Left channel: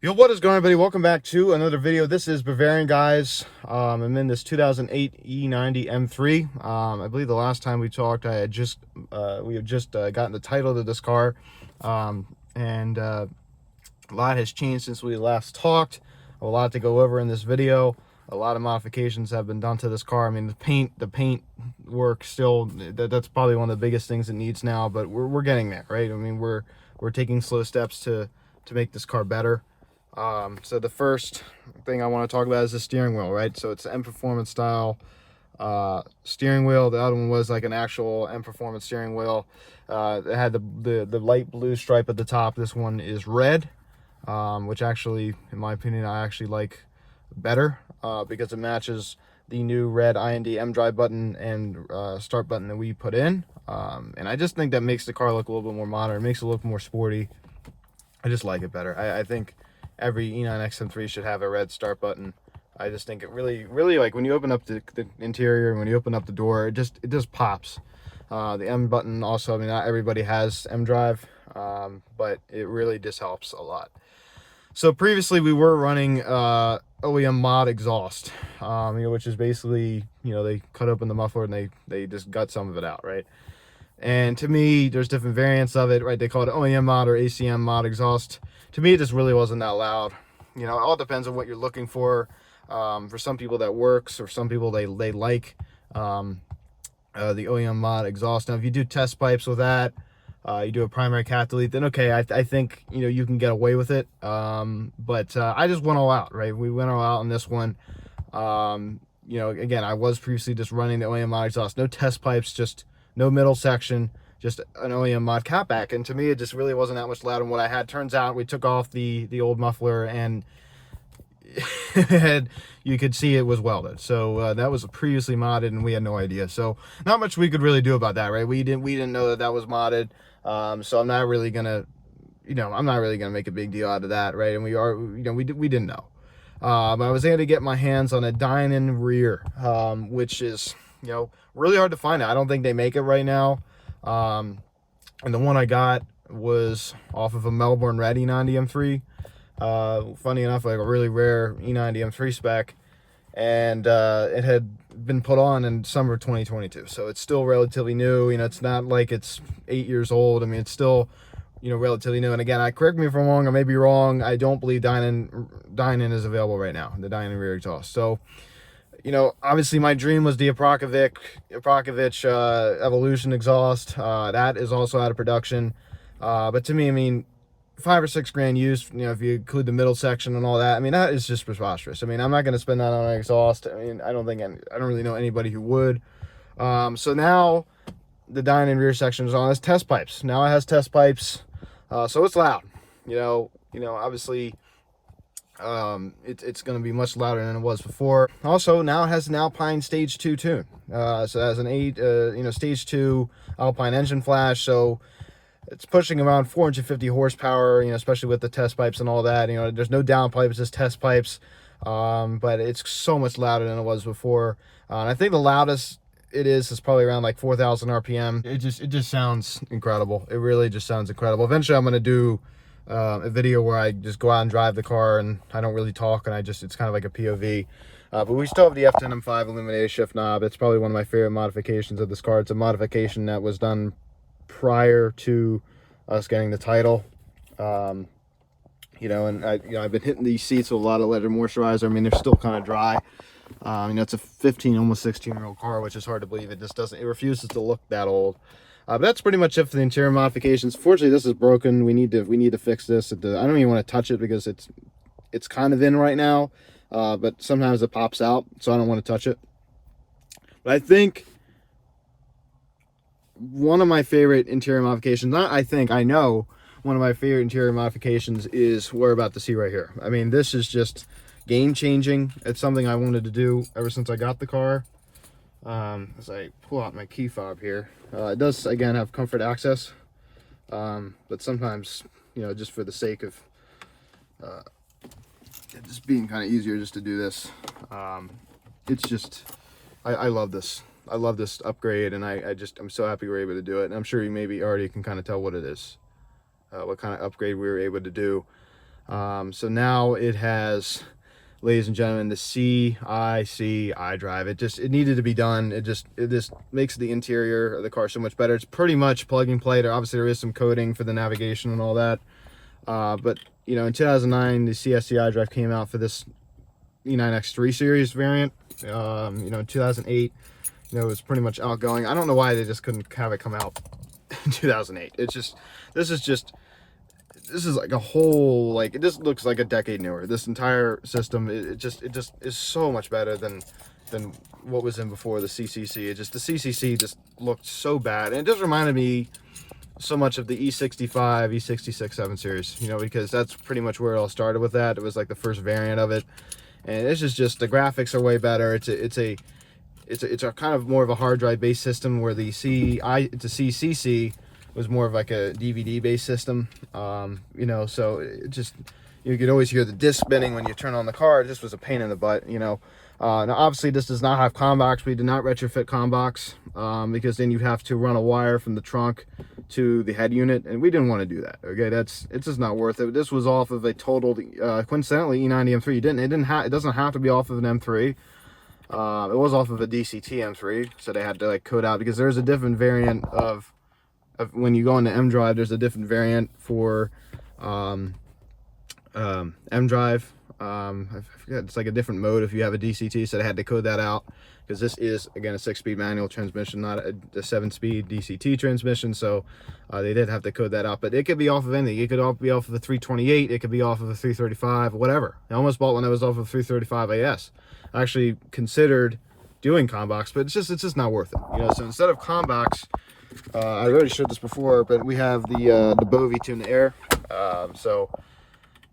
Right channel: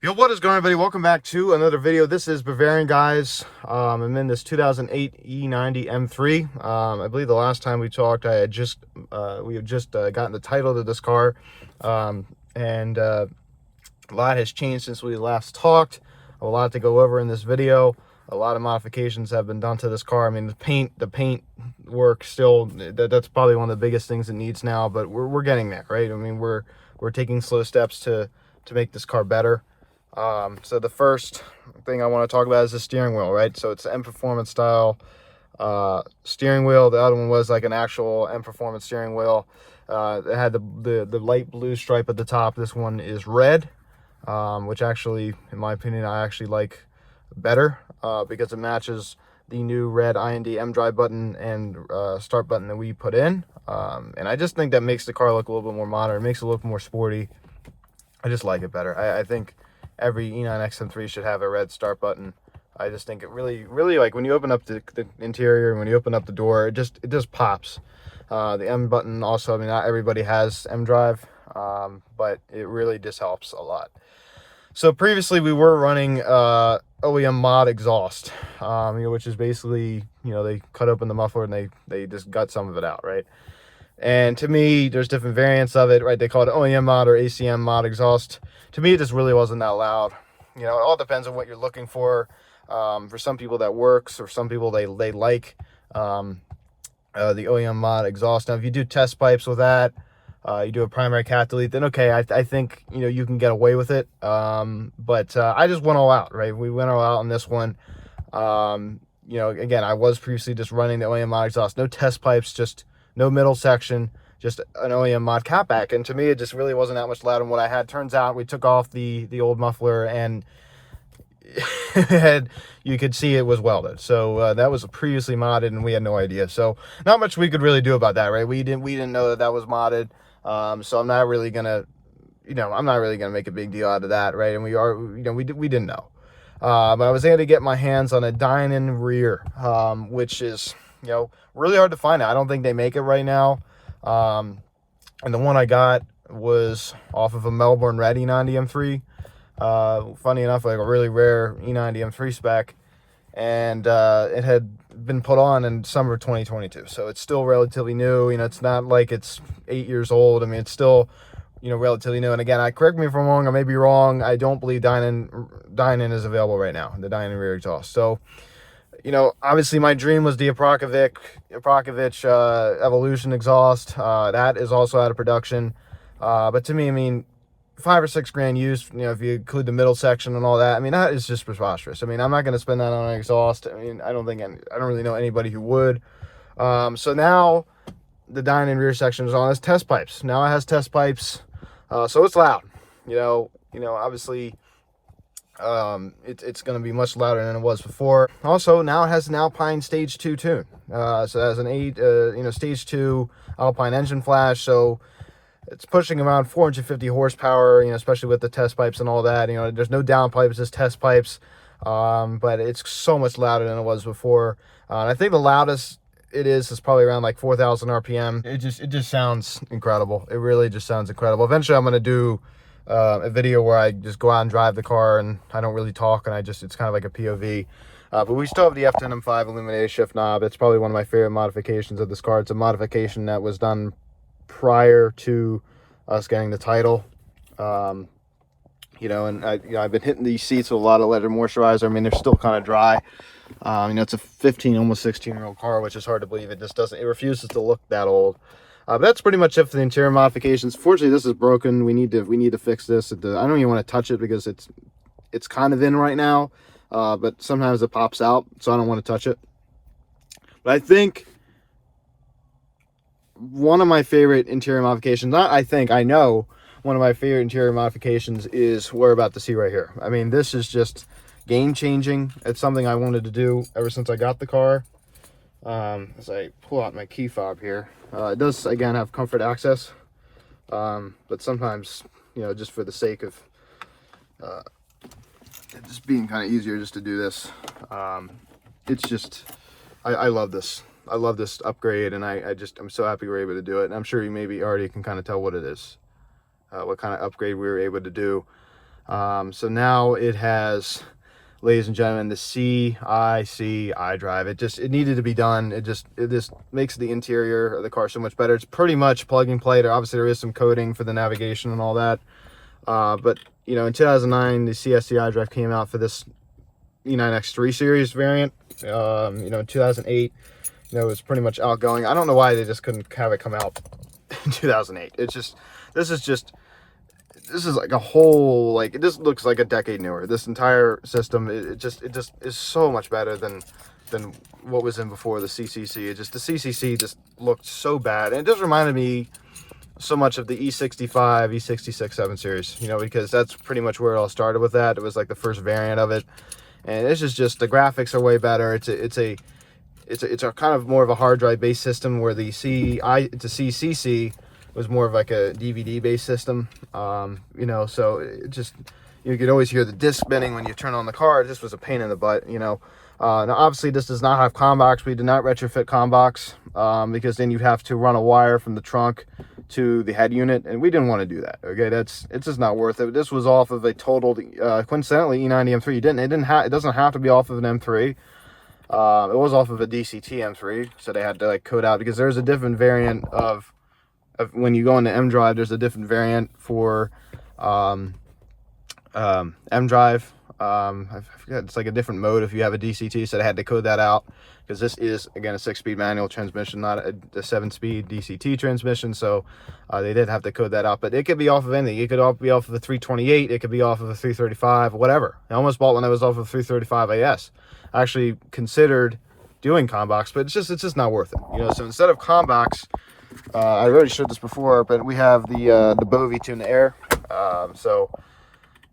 Yo, what is going on, everybody? Welcome back to another video. This is Bavarian, guys. I'm in this 2008 E90 M3. I believe the last time we talked, we had just gotten the title to this car, and a lot has changed since we last talked. A lot to go over in this video. A lot of modifications have been done to this car. I mean, the paint work still, that's probably one of the biggest things it needs now, but we're getting there, right? I mean, we're taking slow steps to make this car better. So the first thing I want to talk about is the steering wheel, right? So it's the M Performance style steering wheel. The other one was like an actual M Performance steering wheel. It had the light blue stripe at the top. This one is red, which actually, in my opinion, I actually like better because it matches the new red IND M drive button and start button that we put in. And I just think that makes the car look a little bit more modern. It makes it look more sporty. I just like it better. I think every E90 M3 should have a red start button. I just think it really, like when you open up the interior and when you open up the door, it just pops. The M button also, I mean, not everybody has M drive, but it really just helps a lot. So previously we were running OEM mod exhaust, which is basically, they cut open the muffler and they just gut some of it out, right? And to me, there's different variants of it, right? They call it OEM mod or ACM mod exhaust. To me, it just really wasn't that loud. It all depends on what you're looking for. For some people that works, or some people they like the OEM mod exhaust. Now, if you do test pipes with that, you do a primary cat delete, then okay, I think you can get away with it. But I just went all out, right? We went all out on this one. Again, I was previously just running the OEM mod exhaust, no test pipes, just no middle section, just an OEM mod catback. And to me, it just really wasn't that much louder than what I had. Turns out we took off the old muffler and you could see it was welded. So that was previously modded and we had no idea. So not much we could really do about that, right? We didn't know that was modded. So I'm not really gonna, I'm not really gonna make a big deal out of that, right? And we didn't know. But I was able to get my hands on a Dynon rear, which is, really hard to find out. I don't think they make it right now. And the one I got was off of a Melbourne Red E90 M3. Funny enough, like a really rare E90 M3 spec. And it had been put on in summer 2022. So it's still relatively new. It's not like it's 8 years old. I mean, it's still, relatively new. And again, correct me if I'm wrong, I may be wrong. I don't believe Dynon is available right now, the Dynon rear exhaust. So, obviously my dream was the Aprakovic Evolution exhaust. That is also out of production. But to me, I mean, $5 or $6 grand used, if you include the middle section and all that, I mean, that is just preposterous. I mean, I'm not going to spend that on an exhaust. I mean, I don't really know anybody who would. So now the Dynon rear section is on as test pipes. Now it has test pipes. So it's loud, obviously, it's going to be much louder than it was before. Also, now it has an Alpine Stage 2 tune. So it has an Stage 2 Alpine engine flash. So it's pushing around 450 horsepower, especially with the test pipes and all that. There's no downpipe, it's just test pipes. But it's so much louder than it was before. And I think the loudest it is probably around like 4,000 RPM. It just sounds incredible. It really just sounds incredible. Eventually, I'm going to do a video where I just go out and drive the car and I don't really talk and it's kind of like a POV. But we still have the F10 M5 illuminated shift knob. It's probably one of my favorite modifications of this car. It's a modification that was done prior to us getting the title. And I've been hitting these seats with a lot of leather moisturizer. I mean, they're still kind of dry. It's a 15, almost 16-year-old car, which is hard to believe. It refuses to look that old. But that's pretty much it for the interior modifications. Fortunately, this is broken. We need to fix this. I don't even want to touch it because it's kind of in right now. But sometimes it pops out, so I don't want to touch it. But I think one of my favorite interior modifications, I know one of my favorite interior modifications is what we're about to see right here. I mean, this is just game-changing. It's something I wanted to do ever since I got the car. As I pull out my key fob here, it does again have comfort access, but sometimes, just for the sake of it just being kind of easier just to do this, it's just I love this. I love this upgrade, and I'm so happy we're able to do it. And I'm sure you maybe already can kind of tell what it is, what kind of upgrade we were able to do. So now it has, ladies and gentlemen, the CIC iDrive. It needed to be done. It just makes the interior of the car so much better. It's pretty much plug and play. Obviously there is some coding for the navigation and all that, but you know, in 2009 the CIC iDrive came out for this E9X3 series variant. You know, in 2008, you know, it was pretty much outgoing. I don't know why they just couldn't have it come out in 2008. It's just, this is like a whole, like, it just looks like a decade newer. This entire system, it just is so much better than what was in before the CCC. The CCC just looked so bad, and it just reminded me so much of the E65, E66 7 series, you know, because that's pretty much where it all started with that. It was like the first variant of it, and it's just the graphics are way better. It's a kind of more of a hard drive based system, where the CCC was more of like a DVD based system. You know, so it just, you could always hear the disc spinning when you turn on the car. This was a pain in the butt, you know. Now obviously this does not have CommBox. We did not retrofit CommBox, because then you'd have to run a wire from the trunk to the head unit, and we didn't want to do that. Okay, it's just not worth it. This was off of a totaled coincidentally E90 M3. It doesn't have to be off of an M3. It was off of a DCT M3, so they had to like code out, because there's a different variant of when you go into M drive. There's a different variant for M drive. I forget, it's like a different mode if you have a DCT, so they had to code that out, because this is, again, a 6-speed manual transmission, not a 7-speed DCT transmission. So they did have to code that out, but it could be off of anything. It could be off of a 328, it could be off of a 335, whatever. I almost bought one that was off of 335 AS. I actually considered doing CommBox, but it's just not worth it, you know. So instead of CommBox, I already showed this before, but we have the Bovie Tune Air. So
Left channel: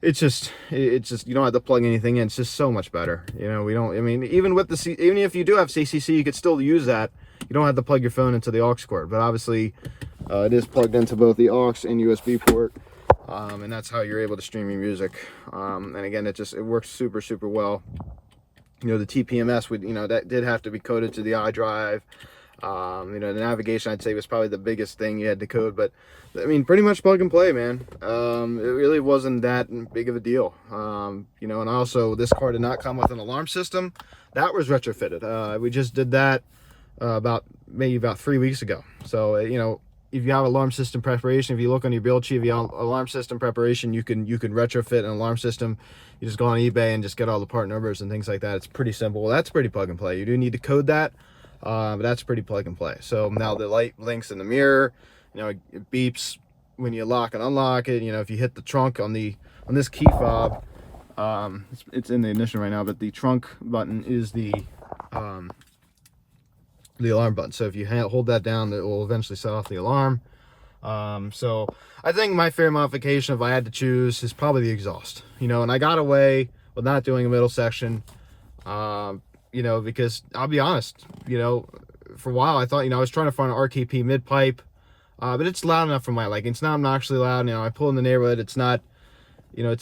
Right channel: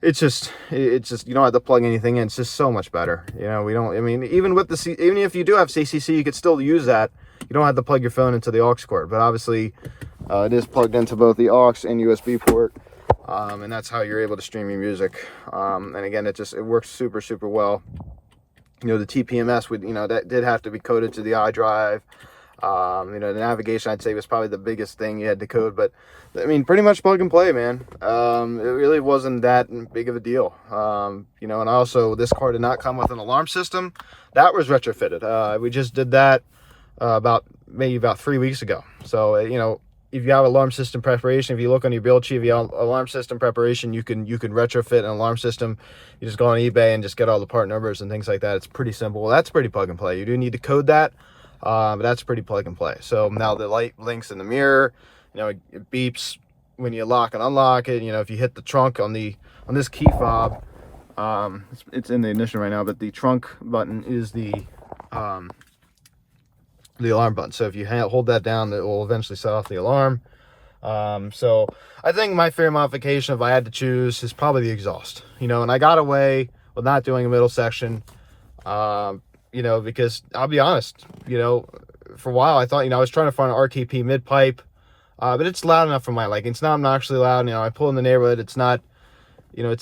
it's just you don't have to plug anything in. It's just so much better, you know. I mean, even if you do have CCC, you could still use that. You don't have to plug your phone into the aux cord, but obviously it is plugged into both the aux and USB port, and that's how you're able to stream your music. And again, it works super well. You know, the TPMS would, you know, that did have to be coded to the iDrive. You know, the navigation, I'd say, was probably the biggest thing you had to code, but I mean, pretty much plug and play, man. It really wasn't that big of a deal. You know, and also this car did not come with an alarm system. That was retrofitted. We just did that maybe about 3 weeks ago. So you know, if you have alarm system preparation, if you look on your build sheet, if you have alarm system preparation, you can retrofit an alarm system. You just go on eBay and just get all the part numbers and things like that. It's pretty simple. That's pretty plug and play. You do need to code that, but that's pretty plug and play. So now the light blinks in the mirror, you know, it beeps when you lock and unlock it. You know, if you hit the trunk on this key fob, it's in the ignition right now, but the trunk button is the alarm button. So if you hold that down, it will eventually set off the alarm. So I think my favorite modification, if I had to choose, is probably the exhaust. You know, and I got away with not doing a middle section, you know, because I'll be honest, you know, for a while I thought, you know, I was trying to find an RKP mid pipe, but it's loud enough for my liking. It's not obnoxiously loud. You know, I pull in the neighborhood, it's not, you know,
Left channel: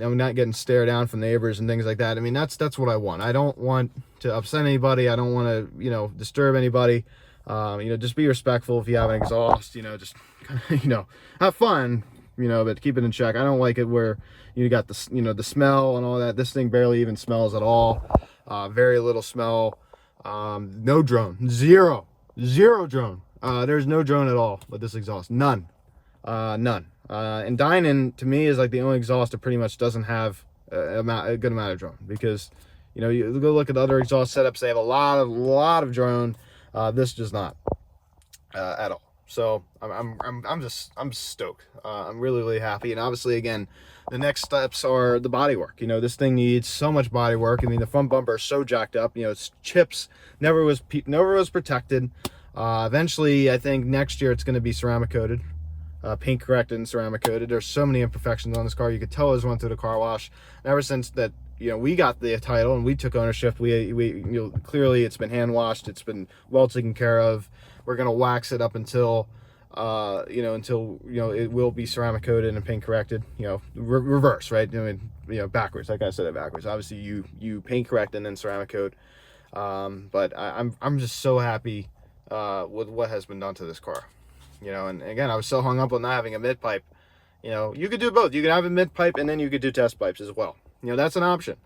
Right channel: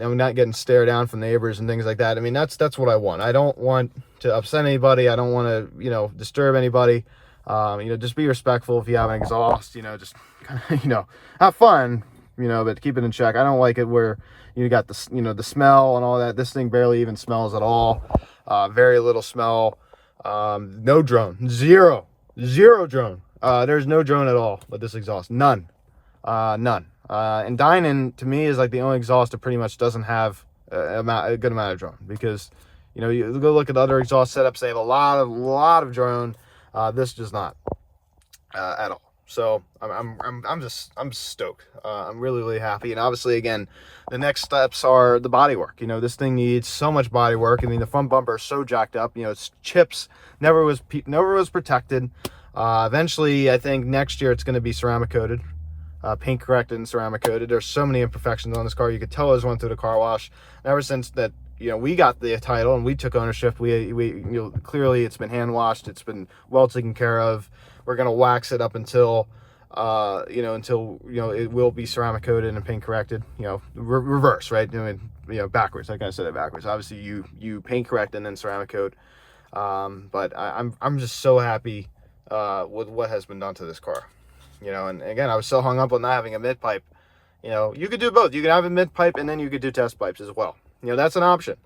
I'm not getting stared down from neighbors and things like that. I mean, that's what I want. I don't want to upset anybody. I don't want to, you know, disturb anybody. You know, just be respectful. If you have an exhaust, you know, just kind of, you know, have fun, you know, but keep it in check. I don't like it where you got the, you know, the smell and all that. This thing barely even smells at all. Very little smell. No drone. Zero drone. There's no drone at all with this exhaust. None. And Dynan, to me, is like the only exhaust that pretty much doesn't have a good amount of drone, because, you know, you go look at other exhaust setups, they have a lot of drone. This does not at all. So I'm stoked. I'm really happy. And obviously, again, the next steps are the body work. You know, this thing needs so much body work. I mean, the front bumper is so jacked up. You know, it's chips, never was protected. Eventually, I think next year it's going to be ceramic coated, paint corrected and ceramic coated. There's so many imperfections on this car. You could tell it was went through the car wash. And ever since that, you know, we got the title and we took ownership, we you know, clearly it's been hand washed, it's been well taken care of. We're gonna wax it up until you know, it will be ceramic coated and paint corrected. You know, reverse, right? I mean, you know, backwards. Like I said, it backwards. Obviously, you paint correct and then ceramic coat. But I'm just so happy with what has been done to this car. You know, and again, I was so hung up on not having a mid pipe. You know, you could do both. You could have a mid pipe and then you could do test pipes as well. You know, that's an option.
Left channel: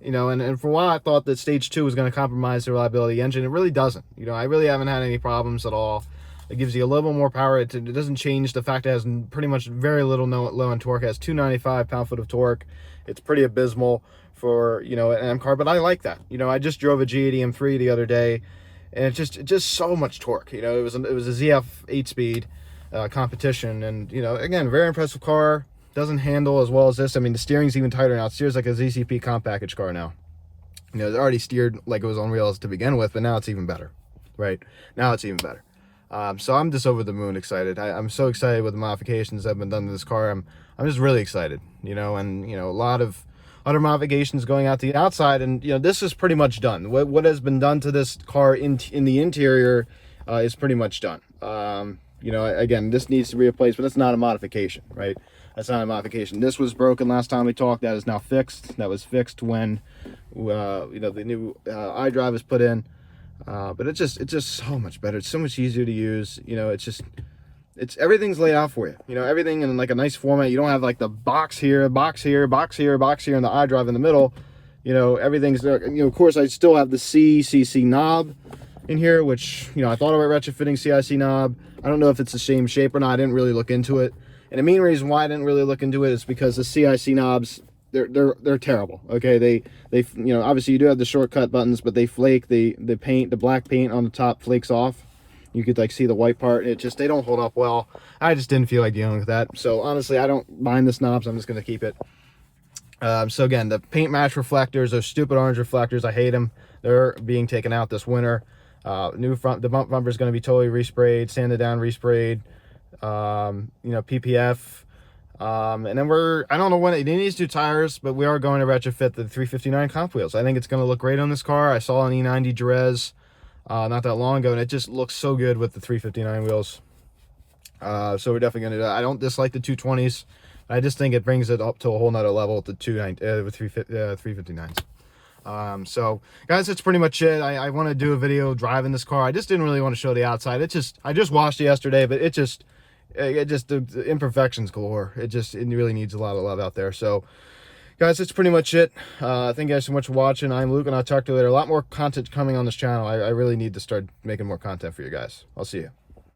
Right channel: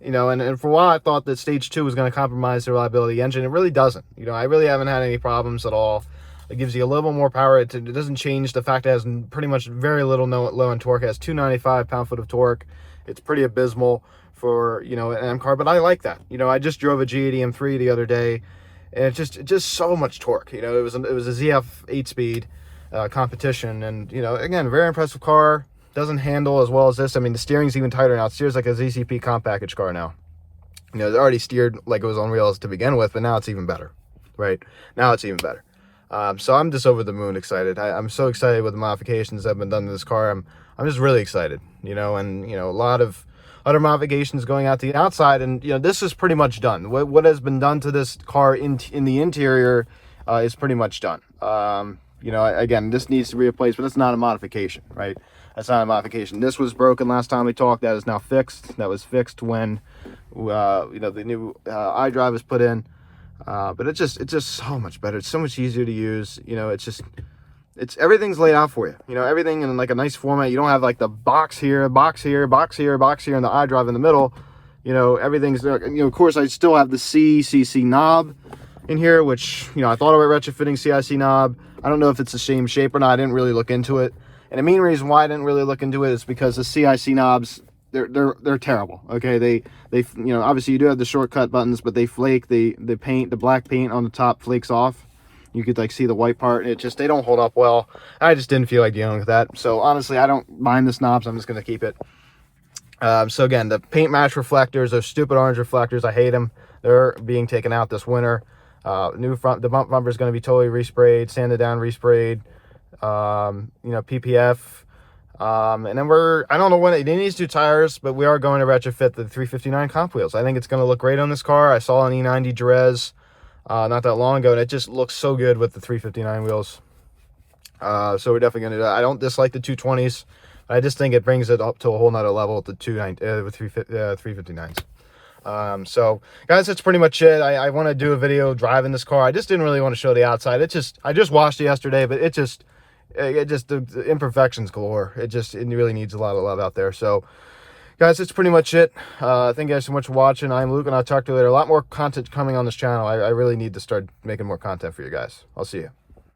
You know, and for a while I thought that stage 2 was going to compromise the reliability of the engine. It really doesn't. You know, I really haven't had any problems at all. It gives you a little more power. It doesn't change the fact that it has pretty much very little low end torque. It has 295 pound-foot of torque. It's pretty abysmal for, you know, an M car, but I like that. You know, I just drove a G80 M3 the other day, and it's just so much torque. You know, it was a ZF 8-speed competition, and, you know, again, very impressive car. Doesn't handle as well as this. I mean, the steering's even tighter now. It steers like a ZCP comp package car now. You know, it already steered like it was on rails to begin with, but now it's even better, right? Now it's even better. So I'm just over the moon excited. I'm so excited with the modifications that have been done to this car. I'm just really excited, you know, and, you know, a lot of other modifications going out to the outside, and, you know, this is pretty much done. What has been done to this car in the interior is pretty much done. You know, again, this needs to be replaced, but that's not a modification, right? That's not a modification. This was broken last time we talked. That is now fixed. That was fixed when, you know, the new iDrive was put in. But it's just so much better. It's so much easier to use. You know, everything's laid out for you. You know, everything in like a nice format. You don't have like the box here, box here, box here, box here, and the iDrive in the middle. You know, everything's there. You know, of course, I still have the CCC knob in here, which, you know, I thought about retrofitting CIC knob. I don't know if it's the same shape or not. I didn't really look into it. And the main reason why I didn't really look into it is because the CIC knobs, they're terrible. Okay, they you know, obviously you do have the shortcut buttons, but they flake. The paint, the black paint on the top flakes off. You could like see the white part. They don't hold up well. I just didn't feel like dealing with that. So honestly, I don't mind the knobs. I'm just gonna keep it. So again, the paint match reflectors, those stupid orange reflectors, I hate them. They're being taken out this winter. The bump bumper is going to be totally resprayed, sanded down, resprayed. You know, PPF. And then I don't know when it needs two tires, but we are going to retrofit the 359 comp wheels. I think it's going to look great on this car. I saw an E90 Jerez not that long ago, and it just looks so good with the 359 wheels. So we're definitely going to do that. I don't dislike the 220s. I just think it brings it up to a whole nother level with the 359s. So guys, that's pretty much it. I want to do a video driving this car. I just didn't really want to show the outside. I just washed it yesterday, but the imperfections galore. It really needs a lot of love out there. So guys, that's pretty much it. Thank you guys so much for watching. I'm Luke, and I'll talk to you later. A lot more content coming on this channel. I really need to start making more content for you guys. I'll see you.